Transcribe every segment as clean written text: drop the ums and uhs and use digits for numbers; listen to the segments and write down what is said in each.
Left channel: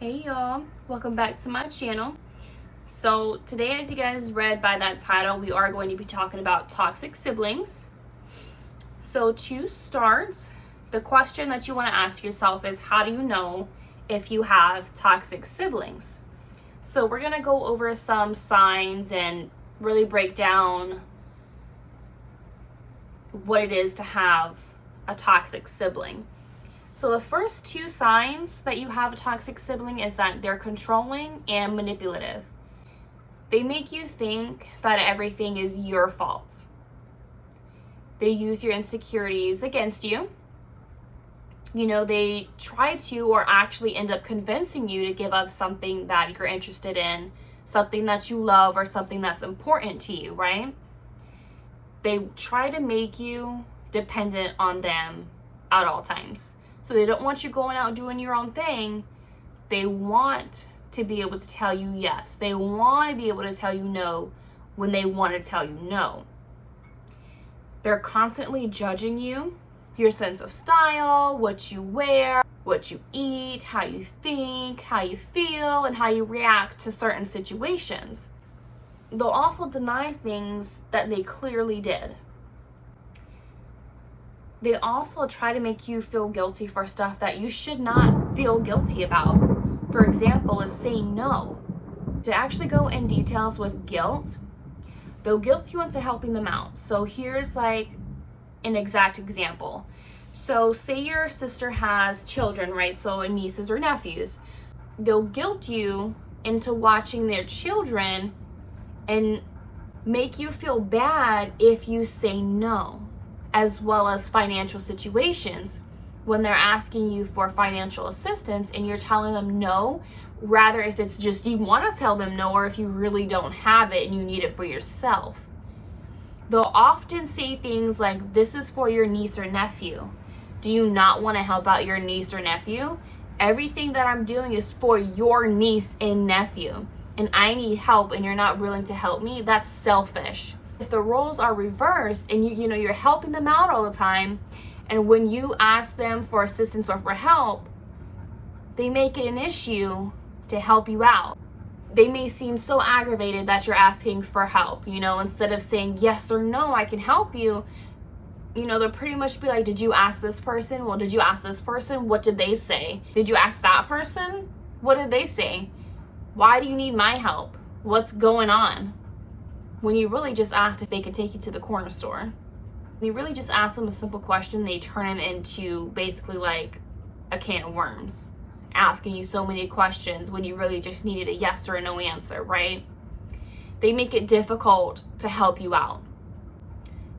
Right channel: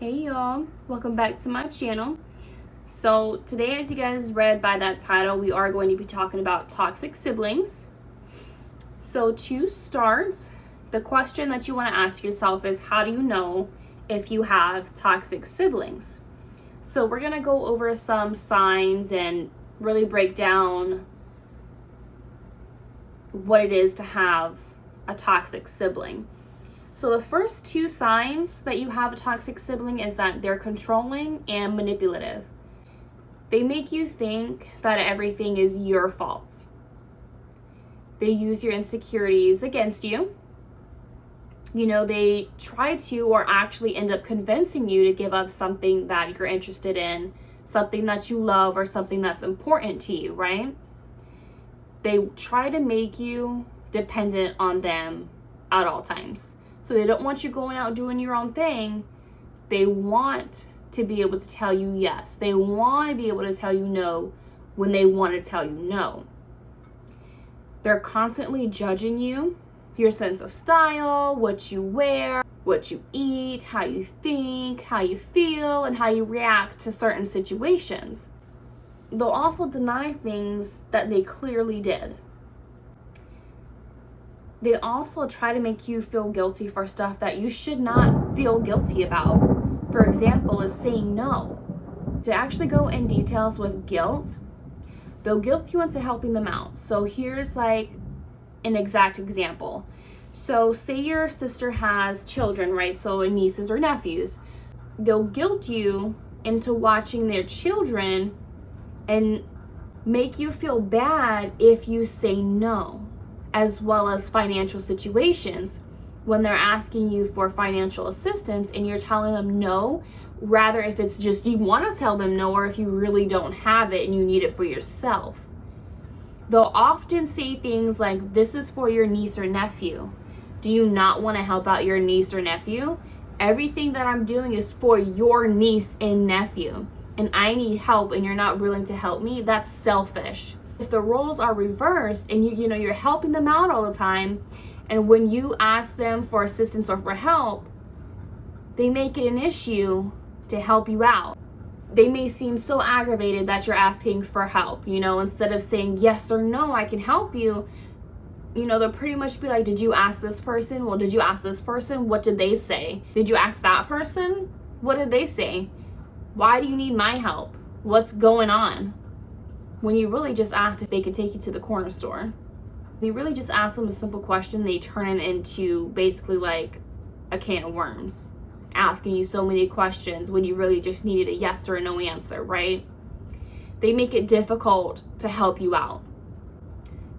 Hey y'all, welcome back to my channel. So today, as you guys read by that title, we are going to be talking about toxic siblings. So to start, the question that you want to ask yourself is, how do you know if you have toxic siblings? So we're going to go over some signs and really break down what it is to have a toxic sibling. So the first two signs that you have a toxic sibling is that they're controlling and manipulative. They make you think that everything is your fault. They use your insecurities against you. They try to or actually end up convincing you to give up something that you're interested in, something that you love, or something that's important to you, right? They try to make you dependent on them at all times. So they don't want you going out doing your own thing. They want to be able to tell you yes. They want to be able to tell you no when they want to tell you no. They're constantly judging you, your sense of style, what you wear, what you eat, how you think, how you feel, and how you react to certain situations. They'll also deny things that they clearly did. They also try to make you feel guilty for stuff that you should not feel guilty about. For example, is saying no. To actually go in details with guilt, they'll guilt you into helping them out. So here's like an exact example. So say your sister has children, right? So nieces or nephews. They'll guilt you into watching their children and make you feel bad if you say no, as well as financial situations when they're asking you for financial assistance and you're telling them no, rather if it's just you want to tell them no, or if you really don't have it and you need it for yourself. They'll often say things like, this is for your niece or nephew. Do you not want to help out your niece or nephew? Everything that I'm doing is for your niece and nephew, and I need help and you're not willing to help me. That's selfish. If the roles are reversed and you're helping them out all the time, and when you ask them for assistance or for help, they make it an issue to help you out. They may seem so aggravated that you're asking for help, instead of saying yes or no, I can help you, they'll pretty much be like, did you ask this person? Well, did you ask this person? What did they say? Did you ask that person? What did they say? Why do you need my help? What's going on? When you really just asked if they could take you to the corner store. When you really just ask them a simple question, they turn it into basically like a can of worms, asking you so many questions when you really just needed a yes or a no answer, right? They make it difficult to help you out.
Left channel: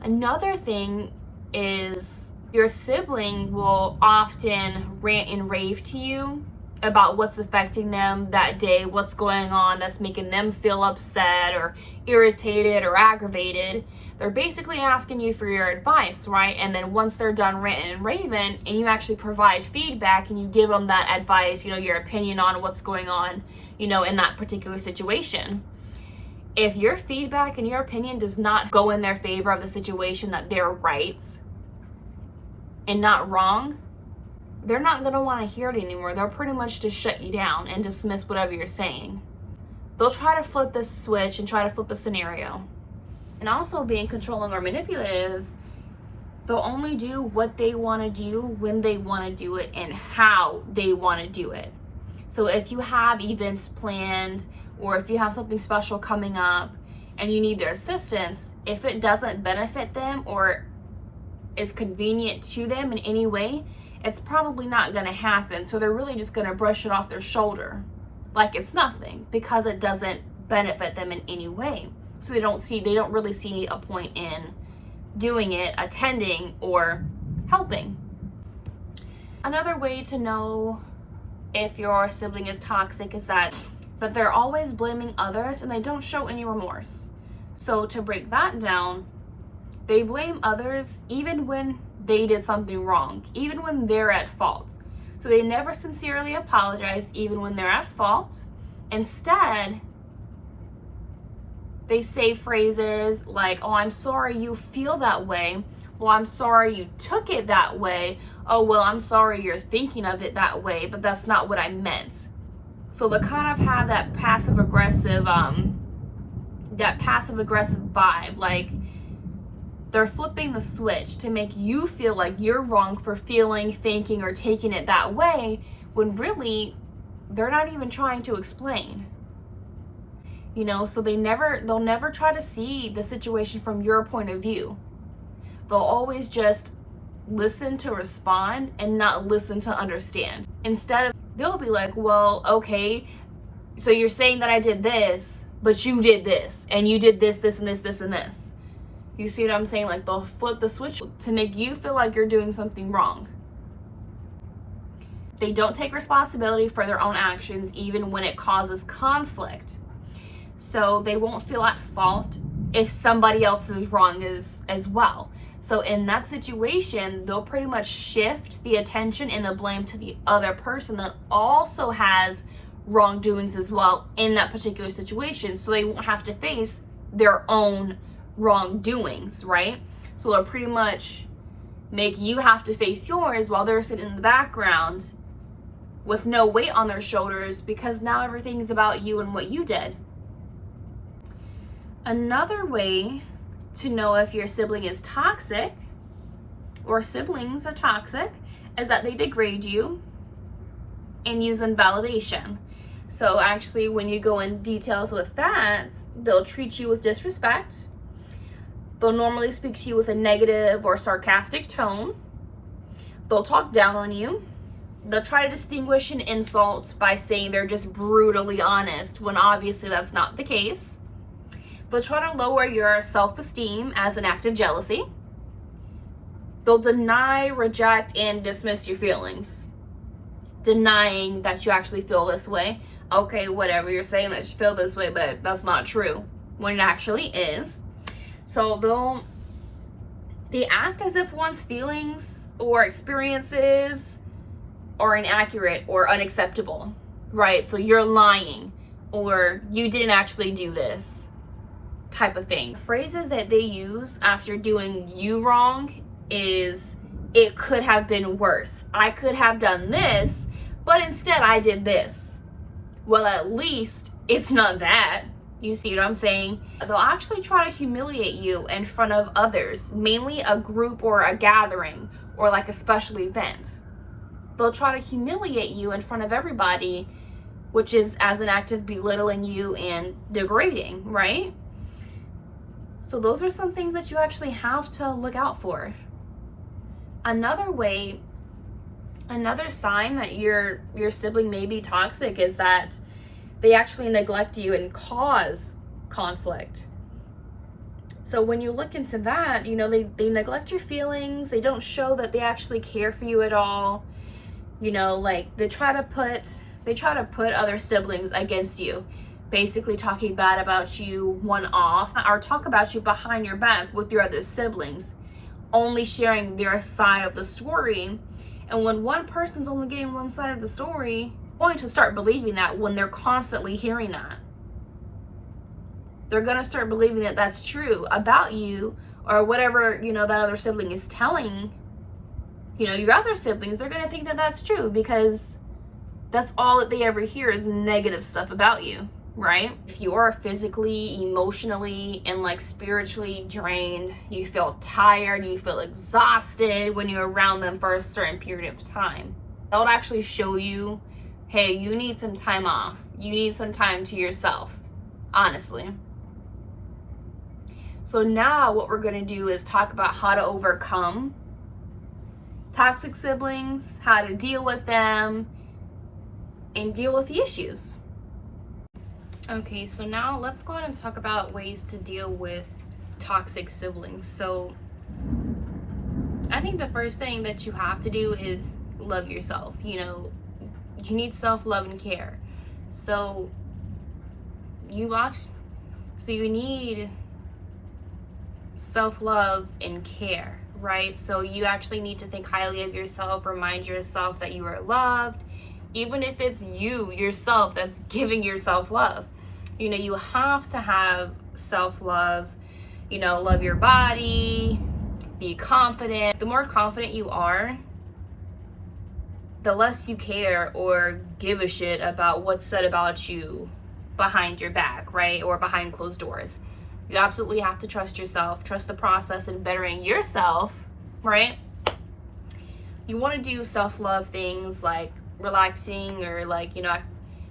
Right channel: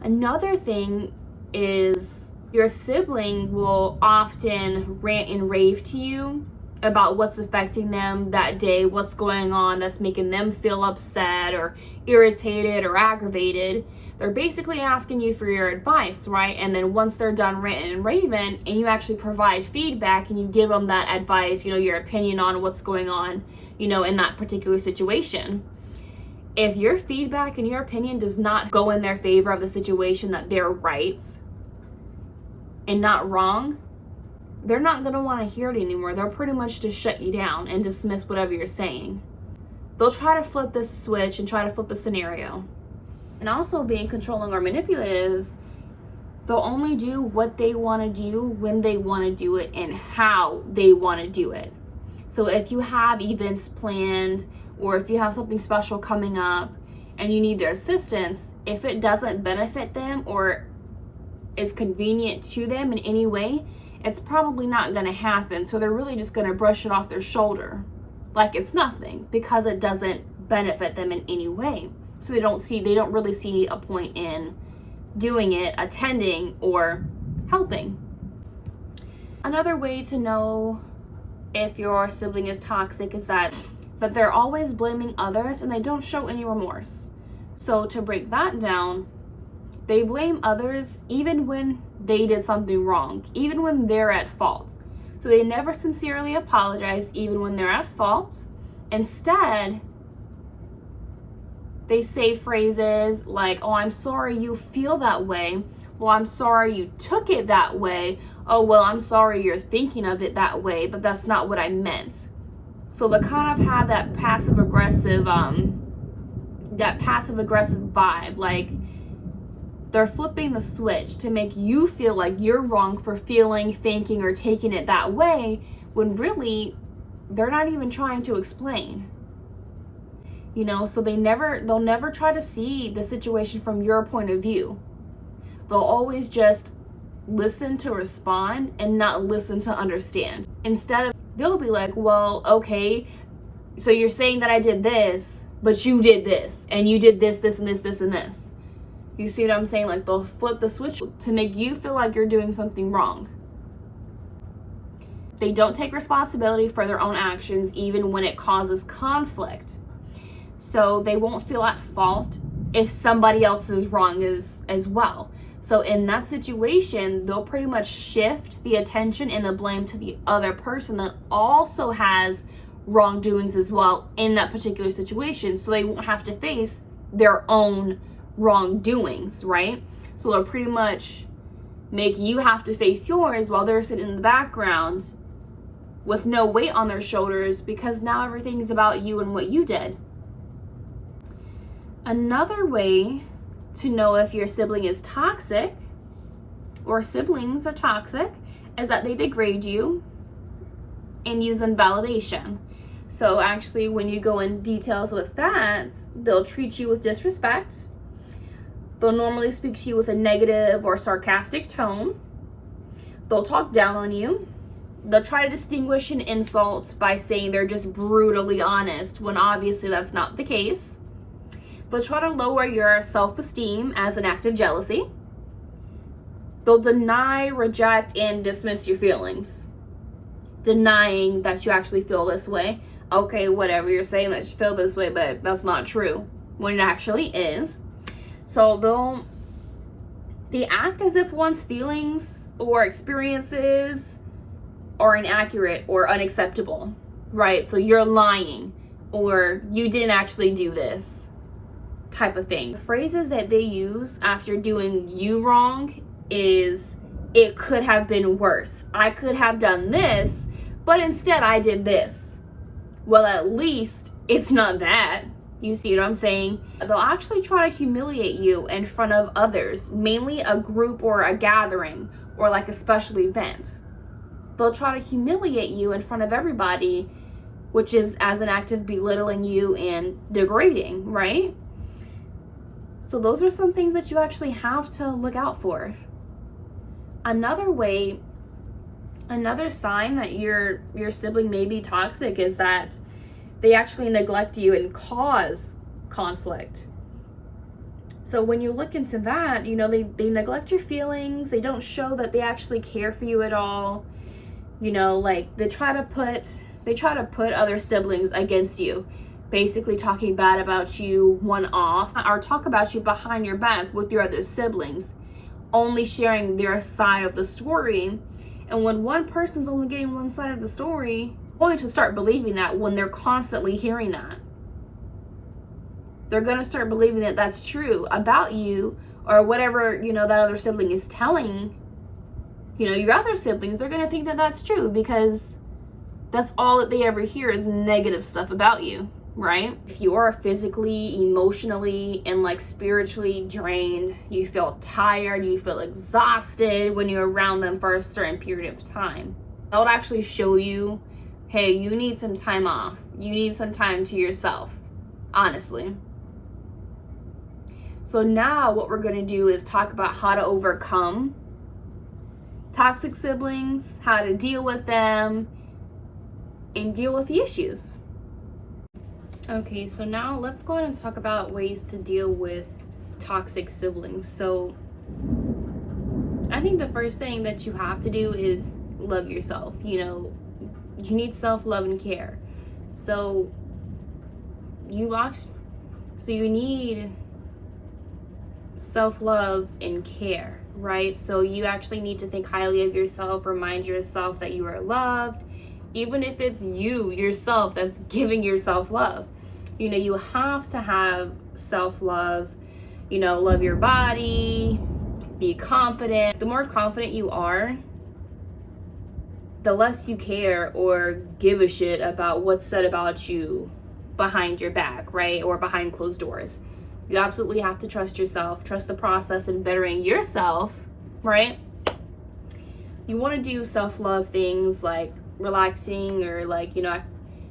Another thing is your sibling will often rant and rave to you about what's affecting them that day, what's going on that's making them feel upset or irritated or aggravated. They're basically asking you for your advice, right? And then once they're done ranting and raving and you actually provide feedback and you give them that advice, your opinion on what's going on, in that particular situation. If your feedback and your opinion does not go in their favor of the situation, that they're right and not wrong, they're not going to want to hear it anymore. They'll pretty much just shut you down and dismiss whatever you're saying. They'll try to flip this switch and try to flip the scenario. And also being controlling or manipulative, they'll only do what they want to do when they want to do it and how they want to do it. So if you have events planned or if you have something special coming up and you need their assistance, if it doesn't benefit them or is convenient to them in any way, it's probably not going to happen. So they're really just going to brush it off their shoulder like it's nothing because it doesn't benefit them in any way. So they don't really see a point in doing it, attending, or helping. Another way to know if your sibling is toxic is that they're always blaming others and they don't show any remorse. So to break that down, they blame others even when they did something wrong, even when they're at fault. So they never sincerely apologize even when they're at fault. Instead, they say phrases like, oh, I'm sorry you feel that way. Well, I'm sorry you took it that way. Oh, well, I'm sorry you're thinking of it that way, but that's not what I meant. So they kind of have that passive aggressive vibe. Like they're flipping the switch to make you feel like you're wrong for feeling, thinking, or taking it that way, when really they're not even trying to explain. You know, so they'll never try to see the situation from your point of view. They'll always just listen to respond and not listen to understand. Instead of, they'll be like, well, okay, so you're saying that I did this, but you did this, and you did this, this, and this, this, and this. You see what I'm saying? Like they'll flip the switch to make you feel like you're doing something wrong. They don't take responsibility for their own actions, even when it causes conflict. So they won't feel at fault if somebody else is wrong as well. So in that situation, they'll pretty much shift the attention and the blame to the other person that also has wrongdoings as well in that particular situation. So they won't have to face their own wrongdoings, right? So they'll pretty much make you have to face yours while they're sitting in the background with no weight on their shoulders, because now everything's about you and what you did. Another way to know if your sibling is toxic or siblings are toxic is that they degrade you and use invalidation. So actually, when you go in details with that, they'll treat you with disrespect. They'll normally speak to you with a negative or sarcastic tone. They'll talk down on you. They'll try to distinguish an insult by saying they're just brutally honest, when obviously that's not the case. They'll try to lower your self-esteem as an act of jealousy. They'll deny, reject, and dismiss your feelings, denying that you actually feel this way. Okay, whatever, you're saying that you feel this way, but that's not true, when it actually is. So they act as if one's feelings or experiences are inaccurate or unacceptable, right? So you're lying, or you didn't actually do this, type of thing. The phrases that they use after doing you wrong is, it could have been worse. I could have done this, but instead I did this. Well, at least it's not that. You see what I'm saying? They'll actually try to humiliate you in front of others, mainly a group or a gathering or like a special event. They'll try to humiliate you in front of everybody, which is as an act of belittling you and degrading, right? So those are some things that you actually have to look out for. Another sign that your sibling may be toxic is that they actually neglect you and cause conflict. So when you look into that, you know, they neglect your feelings. They don't show that they actually care for you at all. You know, like they try to put other siblings against you, basically talking bad about you one off, or talk about you behind your back with your other siblings, only sharing their side of the story. And when one person's only getting one side of the story, they're going to start believing that when they're constantly hearing that. They're going to start believing that that's true about you, or whatever, you know, that other sibling is telling, you know, your other siblings. They're going to think that that's true because that's all that they ever hear is negative stuff about you, right? If you are physically, emotionally, and like spiritually drained, you feel tired, you feel exhausted when you're around them for a certain period of time, that would actually show you, hey, you need some time off. You need some time to yourself, honestly. So now what we're going to do is talk about how to overcome toxic siblings, how to deal with them, and deal with the issues. Okay, so now let's go ahead and talk about ways to deal with toxic siblings. So I think the first thing that you have to do is love yourself. You know, you need self-love and care. So you need self-love and care, right? So you actually need to think highly of yourself, remind yourself that you are loved, even if it's you yourself that's giving yourself love. You know, you have to have self-love, you know, love your body, be confident. The more confident you are, the less you care or give a shit about what's said about you behind your back, right? Or behind closed doors. You absolutely have to trust yourself, trust the process in bettering yourself, right? You want to do self-love things like relaxing or like,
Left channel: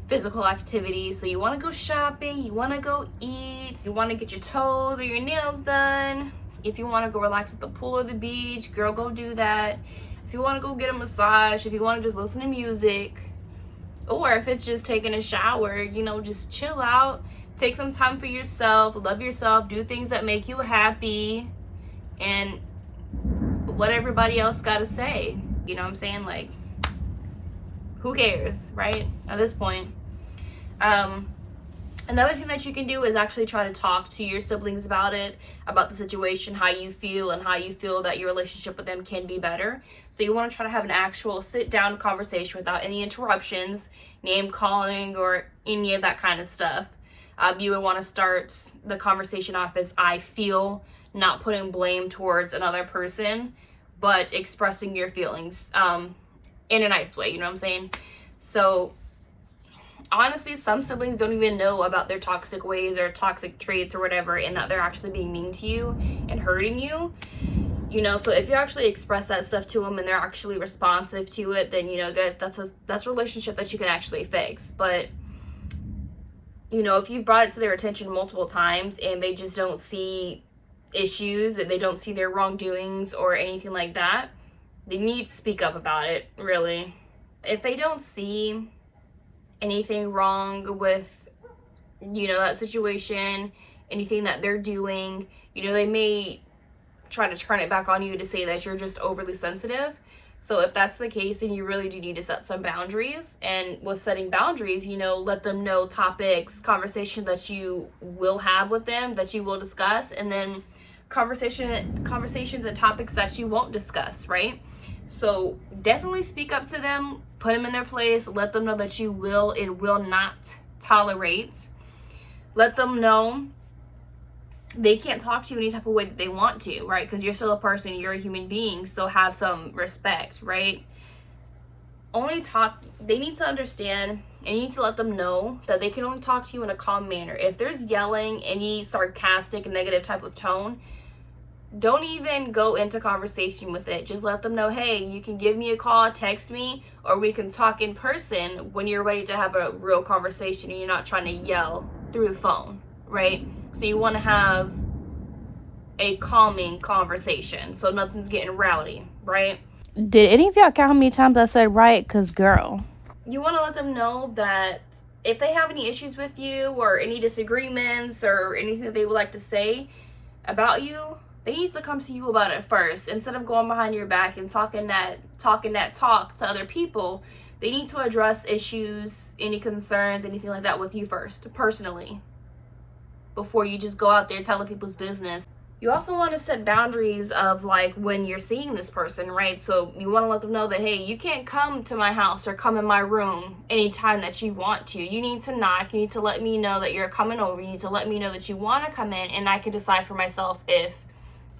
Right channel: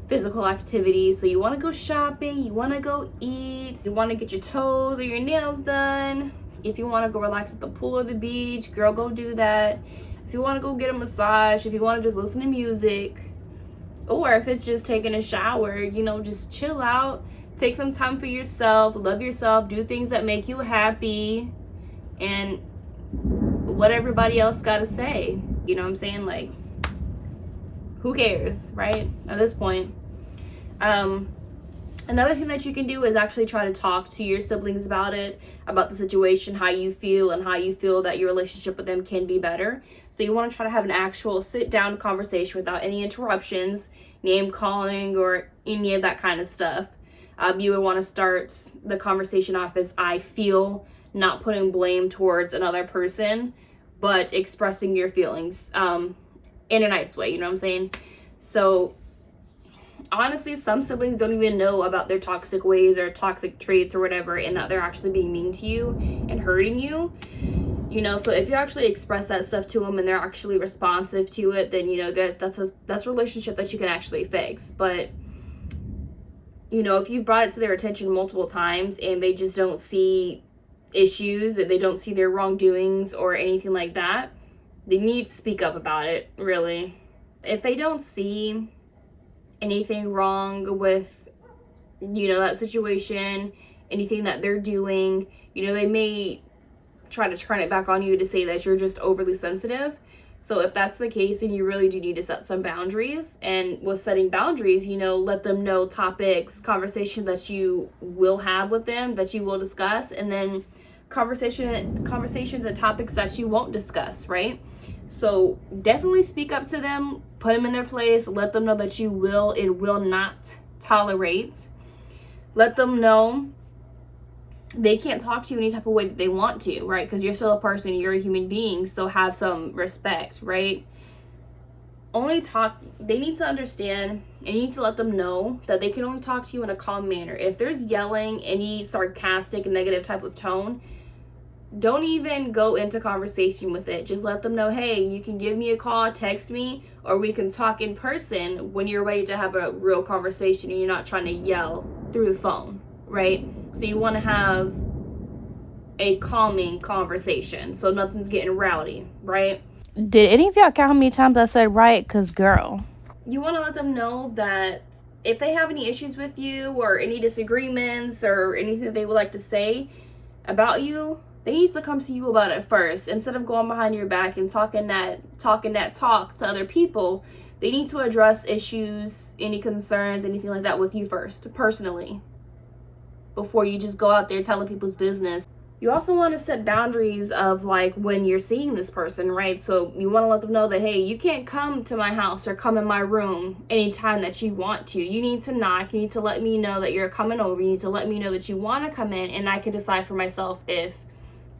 physical activities. So you want to go shopping, you want to go eat, you want to get your toes or your nails done. If you want to go relax at the pool or the beach, girl, go do that. If you want to go get a massage, if you want to just listen to music, or if it's just taking a shower, just chill out, take some time for yourself, love yourself, do things that make you happy, and what everybody else got to say. You know what I'm saying? Like, who cares, right? At this point. Another thing that you can do is actually try to talk to your siblings about it, about the situation, how you feel, and how you feel that your relationship with them can be better. So you want to try to have an actual sit-down conversation without any interruptions, name calling, or any of that kind of stuff. You would want to start the conversation off as I feel, not putting blame towards another person, but expressing your feelings in a nice way, you know what I'm saying? So honestly, some siblings don't even know about their toxic ways or toxic traits or whatever, and that they're actually being mean to you and hurting you. So if you actually express that stuff to them and they're actually responsive to it, then that's a relationship that you can actually fix. But if you've brought it to their attention multiple times and they just don't see issues, that they don't see their wrongdoings or anything like that, they need to speak up about it, really. If they don't see anything wrong with that situation, anything that they're doing, they may try to turn it back on you to say that you're just overly sensitive. So if that's the case, then you really do need to set some boundaries. And with setting boundaries, let them know topics, conversations that you will have with them, that you will discuss, and then conversations and topics that you won't discuss, right? So definitely speak up to them, put them in their place, let them know that you will and will not tolerate. Let them know they can't talk to you any type of way that they want to, right? Because you're still a person, you're a human being, so have some respect, right? They need to understand, and you need to let them know that they can only talk to you in a calm manner. If there's yelling, any sarcastic, negative type of tone, don't even go into conversation with it. Just let them know, hey, you can give me a call, text me, or we can talk in person when you're ready to have a real conversation and you're not trying to yell through the phone, right? So you want to have a calming conversation so nothing's getting rowdy, right? Did any of y'all count how many times I said right? Because, girl. You want to let them know that if they have any issues with you or any disagreements or anything that they would like to say about you, they need to come to you about it first. Instead of going behind your back and talking that talk to other people, they need to address issues, any concerns, anything like that with you first, personally, before you just go out there telling people's business. You also want to set boundaries of like when you're seeing this person, right? So you want to let them know that, hey, you can't come to my house or come in my room anytime that you want to. You need to knock. You need to let me know that you're coming over. You need to let me know that you want to come in, and I can decide for myself if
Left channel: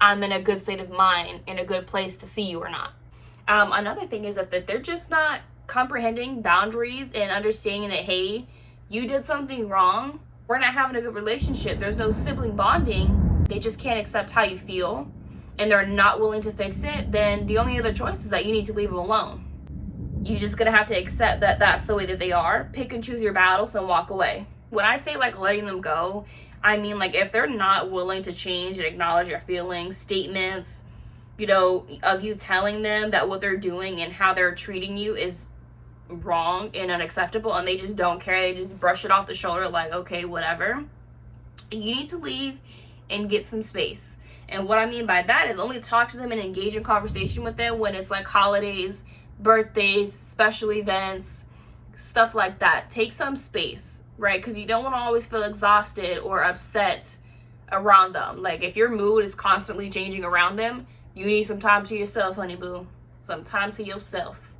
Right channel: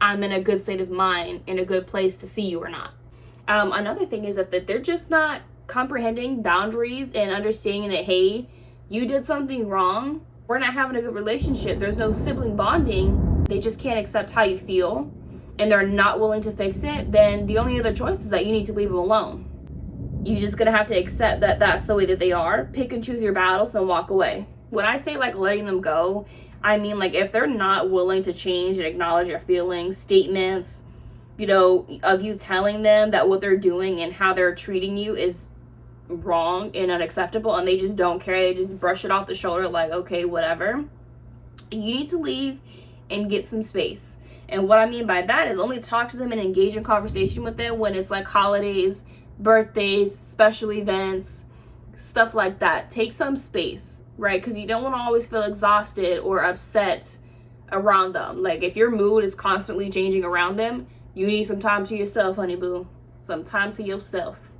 I'm in a good state of mind, in a good place to see you or not. Another thing is that they're just not comprehending boundaries and understanding that, hey, you did something wrong. We're not having a good relationship. There's no sibling bonding. They just can't accept how you feel and they're not willing to fix it. Then the only other choice is that you need to leave them alone. You're just going to have to accept that that's the way that they are. Pick and choose your battles and walk away. When I say like letting them go, I mean like if they're not willing to change and acknowledge your feelings, statements, of you telling them that what they're doing and how they're treating you is wrong and unacceptable, and they just don't care, they just brush it off the shoulder like, okay, whatever, you need to leave and get some space. And what I mean by that is only talk to them and engage in conversation with them when it's like holidays, birthdays, special events, stuff like that. Take some space, right? Because you don't want to always feel exhausted or upset around them. Like if your mood is constantly changing around them, you need some time to yourself, honey boo. Some time to yourself.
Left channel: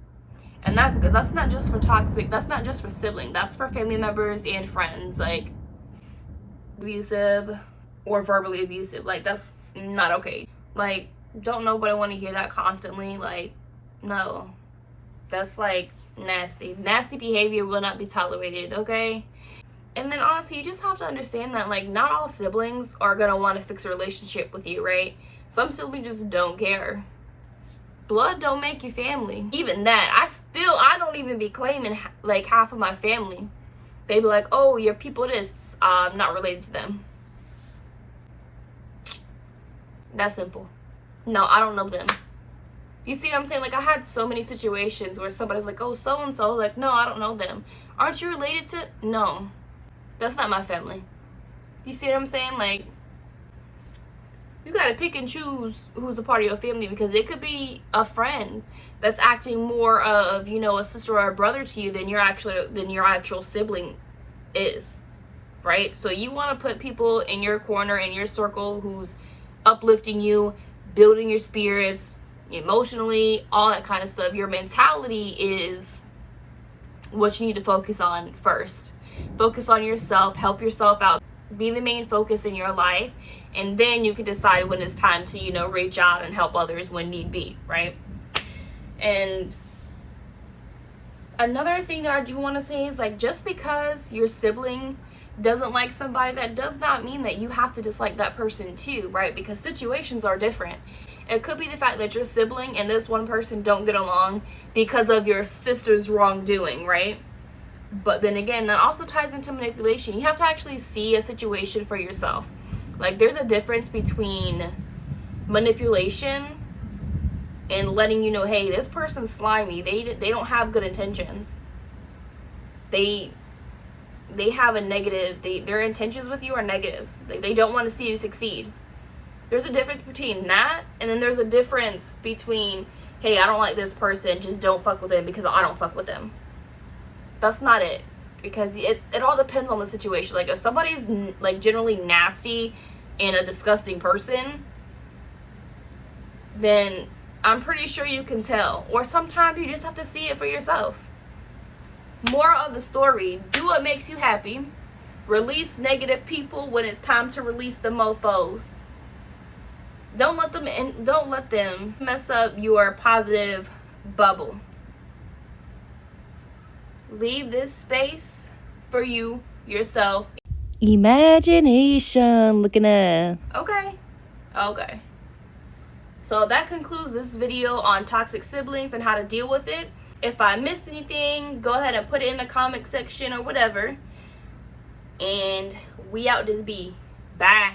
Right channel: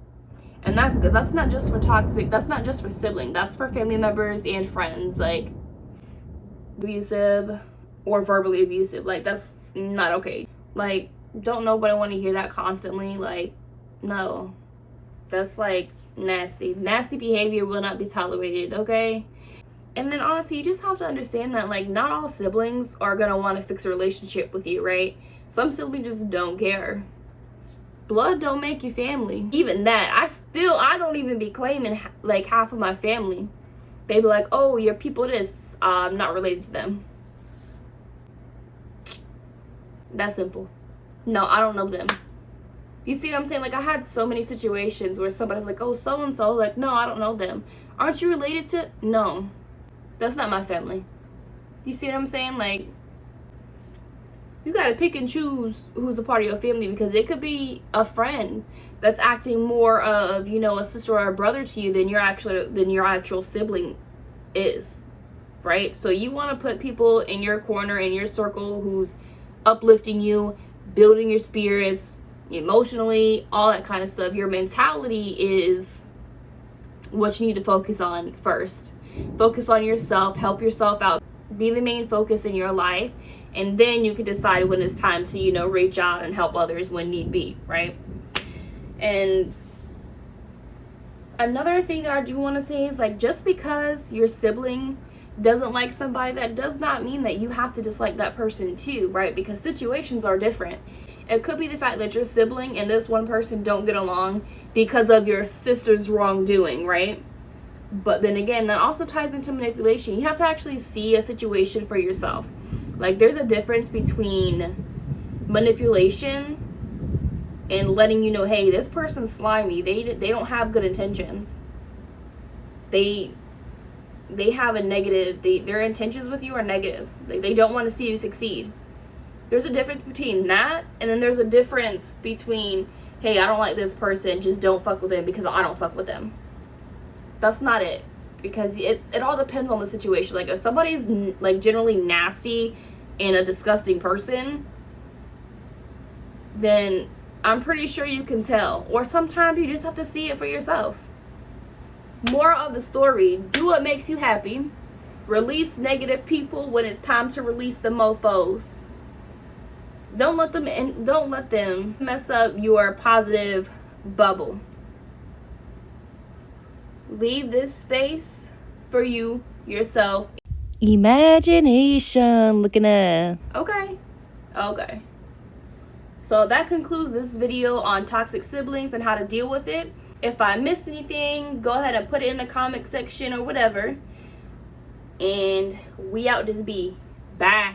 And that's not just for toxic, that's not just for siblings, that's for family members and friends. Like abusive or verbally abusive, like that's not okay. Like, don't nobody want to hear that constantly. Like, no. That's like nasty. Nasty behavior will not be tolerated, okay? And then honestly, you just have to understand that like not all siblings are gonna want to fix a relationship with you, right? Some siblings just don't care. Blood don't make you family. Even that, I don't even be claiming like half of my family. They be like, oh, you're people this, I'm not related to them. That's simple. No, I don't know them. You see what I'm saying? Like, I had so many situations where somebody's like, oh, so-and-so. Like, no, I don't know them. Aren't you related to? No. That's not my family. You see what I'm saying? Like, you gotta pick and choose who's a part of your family, because it could be a friend that's acting more of, you know, a sister or a brother to you than your actual sibling is, right? So you want to put people in your corner, in your circle, who's uplifting you, building your spirits emotionally, all that kind of stuff. Your mentality is what you need to focus on first. Focus on yourself, help yourself out, be the main focus in your life, and then you can decide when it's time to, you know, reach out and help others when need be, right? And another thing that I do want to say is, like, just because your sibling doesn't like somebody, that does not mean that you have to dislike that person too, right? Because situations are different. It could be the fact that your sibling and this one person don't get along because of your sister's wrongdoing, right? But then again, that also ties into manipulation. You have to actually see a situation for yourself. Like, there's a difference between manipulation and letting you know, hey, this person's slimy. They don't have good intentions. They have a negative, their intentions with you are negative. They don't want to see you succeed. There's a difference between that, and then there's a difference between, hey, I don't like this person, just don't fuck with them because I don't fuck with them. That's not it. Because it all depends on the situation. Like, if somebody's like generally nasty and a disgusting person, then I'm pretty sure you can tell. Or sometimes you just have to see it for yourself. Moral of the story, do what makes you happy. Release negative people when it's time to release the mofos. Don't let them mess up your positive bubble. Leave this space for you, yourself. Imagination looking at. Okay. So that concludes this video on toxic siblings and how to deal with it. If I missed anything, go ahead and put it in the comment section or whatever. And we out this bee. Bye.